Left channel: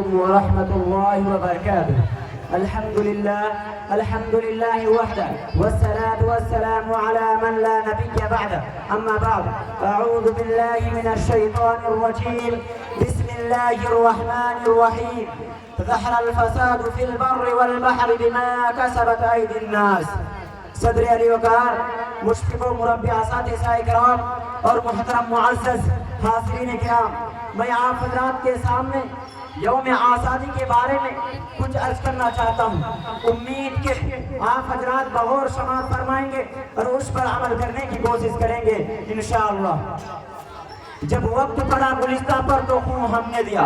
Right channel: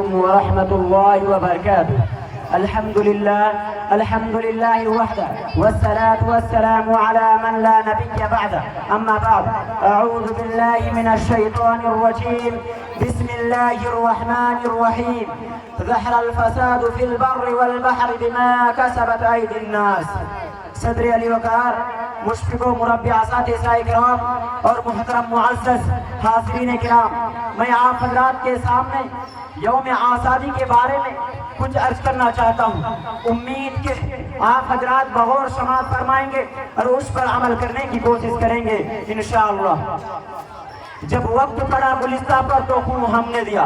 ورحمة الله وبركاته. الحمد لله وحده والصلاة والسلام على من لا نبي بعده. أما بعد، أعوذ بالله من الشيطان الرجيم. بسم الله الرحمن الرحيم. ظهر الفساد في البر والبحر بما كسبت أيدي الناس. صدر علی وقار، مشفق و مربع اساتذہ کرام اور محترم معزز حاضرین کرام، میں آپ حضرات کے سامنے یوم آزادی کے بارے میں کچھ عرض کرنا چاہتا ہوں. امید کہ آپ حضرات بغور سماعت فرمائیں گے اور اس پر عمل کرنے کی کوشش کریں گے انشاءاللہ. جب وقت پڑا گلستہ پر تو خوں ہم نے دیا،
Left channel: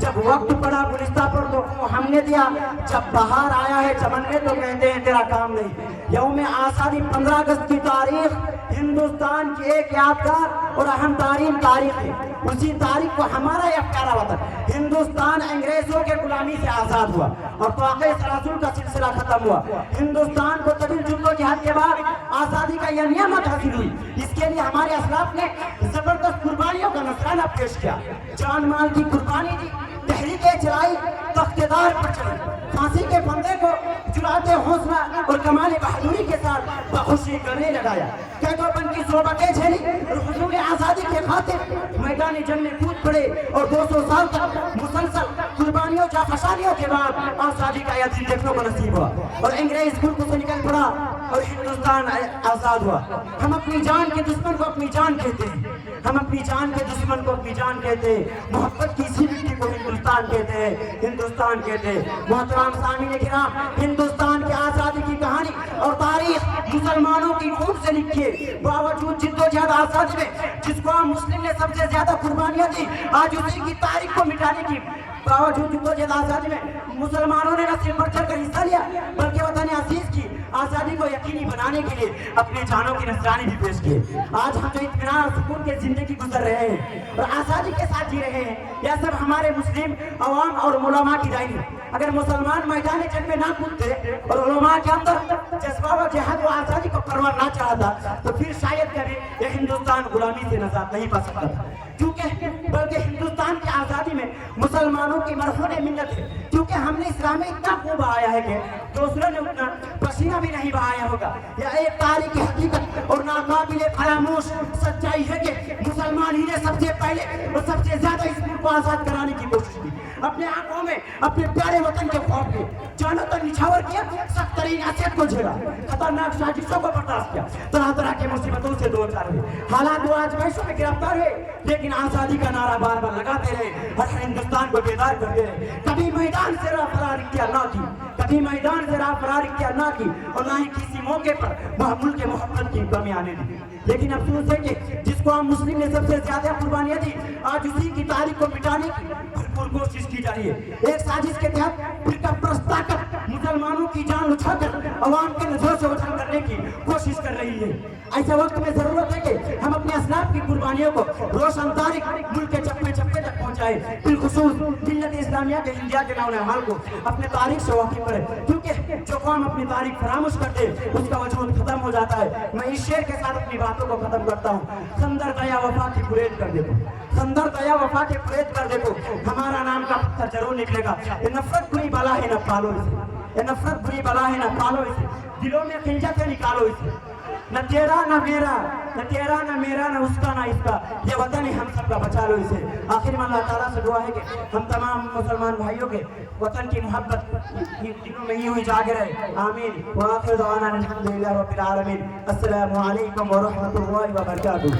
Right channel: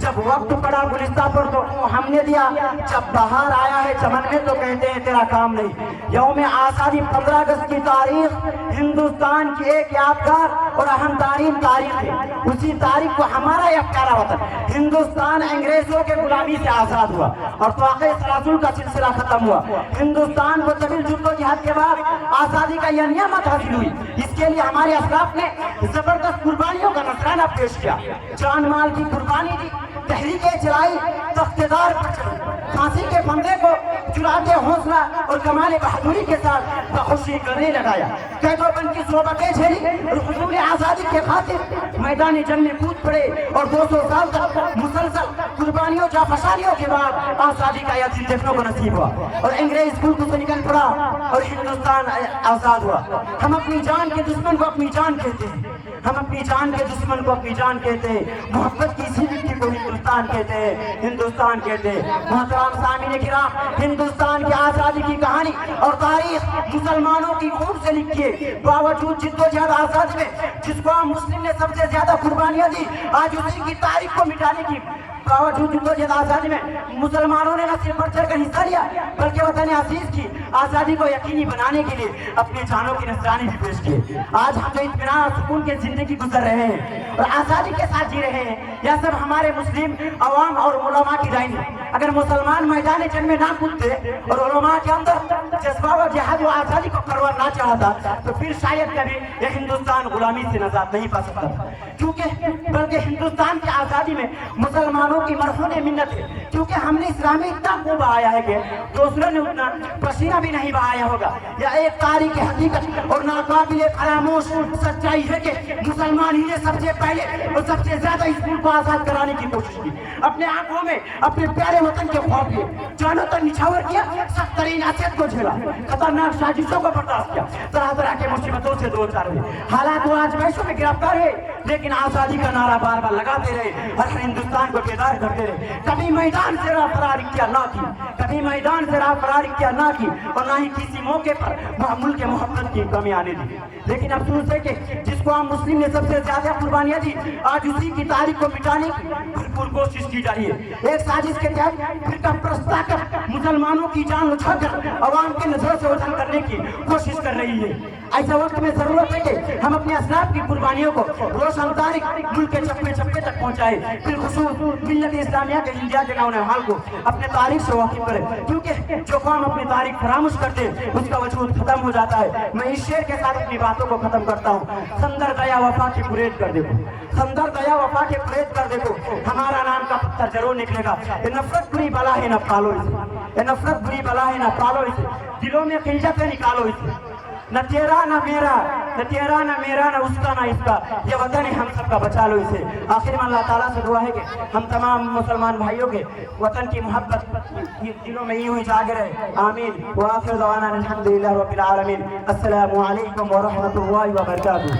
جب وقت پڑا گلستہ پر تو خوں ہم نے دیا، جب بہار آیا ہے چمن میں تو کہتے ہیں تیرا کام نہیں. یوم آزادی 15 اگست کی تاریخ ہندوستان کی ایک یادگار اور اہم ترین تاریخ ہے. اسی تاریخ کو ہمارا یہ پیارا وطن ہندوستان انگریزوں کے غلامی سے آزاد ہوا اور توقع سلاسل کا سلسلہ ختم ہوا. ہندوستان کو طویل جدوجہد کے بعد آزادی کا یہ نعمت حاصل ہوئی. اس کے لیے ہمارے اسلاف نے زبردست قربانیوں کا نذرانہ پیش کیا، جان مال کی قربانی دی، تحریکیں چلائی، تختیدار پر چڑھی، پھانسی کے پھندے کو چراتے حوصلہ اور کمال بہادری کے ساتھ بخوشی گلے لگایا، قید و بند کی صحبتیں جھیلی اور حصول آزادی کے خاطر میدان جنگ میں کود پڑے اور 200 سال تک مسلسل قربانیوں جانفشانیوں کے بعد آزادی کا یہ دن دیکھنے کو نصیب ہوا اور انگریز ملک سے نکل پڑا اور ہندوستان آزاد ہوا. ہم اپنی جان کے دشمن کو اپنی جان کہتے ہیں، ہم اپنی جان کے دشمن کو اپنی جان کہتے ہیں، محبت کی اسی مٹی کو ہندوستان کہتے ہیں، ہندوستان کہتے ہیں. محترم سامعین کرام، ہندوستان کی آزادی کی کہانی اور تاریخ مسلمانوں کی خون سے لکھی ہے. باوجود جدوجہد آزادی میں جس کو ہم مسلم نے سب سے زیادہ قربانیاں دی، آج اسی کی تاریخ کو مٹانے کی باوجود جدوجہد آزادی میں مسلمانوں نے نہ صرف بڑھ چڑھ کر حصہ لیا بلکہ وطن عزیز کی آزادی کو یقینی بنانے کے لیے اپنی جانوں کی نذرانی بھی پیش کی. آج ہم جو اطمینان اور سکون کے زندگی گزر رہے ہیں اور آزادی کے ساتھ جی رہے ہیں، یہ سب ہمارے مسلم عوام اور علماء کی رائے ہے. اگر مسلمان میدان جنگ میں نہ کودتے اور علماء کے اندر جذبہ و جہاد و آزادی کو پروان نہ چاہتا تو پھر شاید کبھی یہ ہندوستان غلامی سے نجات نہیں پا سکتا تھا. بلکہ ہندوستان کی آزادی میں مسلمانوں کی مرہون منت ہے، کیونکہ ہم نے اسلام میں اتنا خوب آیا ہے کہ دوسروں نے اتنا پسینہ بھی نہیں بہایا ہوگا. یہ ایک تاریخی حقیقت اور ناقابل فراموش سچائی ہے کہ مسلمان ہی نے سب سے پہلے اور سب سے زیادہ اس ملک کو آزاد کرانے کی کوشش کی. اپنے آنکھوں میں اپنے پیارے وطن کے خوف لیے، جانوں تک نچھاور کیا، سخت ترین اذیت کو جھیلا، خطرناک سازشوں کو برداشت کیا، طرح طرح کے مصیبتوں سے دو چار ہوئے، حالات و آزمائشوں میں گرفتار ہوئے، لیکن آزادی کا نعرہ بار بار لگاتے رہے اور ہندوستان کو بیدار کرتے رہے. کبھی میدان سے راہ فرار اختیار نہ کی، کبھی میدان سے راہ فرار اختیار نہ کی اور نہ ہی کسی موقع پر ملک کے محبت کی کمی آنے دی. لیکن افسوس ہے کہ جس کو ہم مسلم نے سب سے زیادہ قربانیاں دی، آج اسی کی تاریخ کو مٹانے کی بھرپور کوشش کی جا رہی ہے. ایک سازش کے تحت فرقہ پرست طاقت مسلمانوں کی جان اچھا کر عوام کے نظروں سے اوجھل کرنے کی کوشش کر رہی ہے. ایسا وقت میں ضرورت ہے کہ ہم اپنے اسلاف کی قربانیوں کو روشن تاریخ ملک کے چپے چپے تک پہنچائے، بالخصوص ملت اسلامیہ کے انڈیا کے نوجوان کو اپنے تاریخ سے واقف کرے، کیونکہ جو قوم اپنی تاریخ فراموش کرتے اس کا وجود ختم ہو جاتا ہے. میں اس شعر کے ساتھ اپنی باتوں کو ختم کرتا ہوں. سندر دیا وفا کی پرید کر دیکھو، سندر دیا وفا کے پرید کر دیکھو، ہمارا نام کا پتھر ضرور نکلے گا. یہ نفرت بری بلا ہے نہ پالو اسے، یہ نفرت بری بلا ہے نہ پالو اسے، دلوں میں خلجت ہے نکالو اسے. نہ تیرا نہ میرا، نہ تیرا نہ میرا، نہ اس کا نہ اس کا، یہ وطن ہے ہم سب کا، بچا لو اسے. آخر میں اللہ تعالیٰ سے دعا ہے کہ ہم تمام مسلمان بھائیوں کے وطن کی محبت دلوں میں ہی ہوئی جاگ رہے. آمین. وآخر دعوانا الحمدللہ رب العالمین. السلام علیکم ورحمۃ اللہ وبرکاتہ.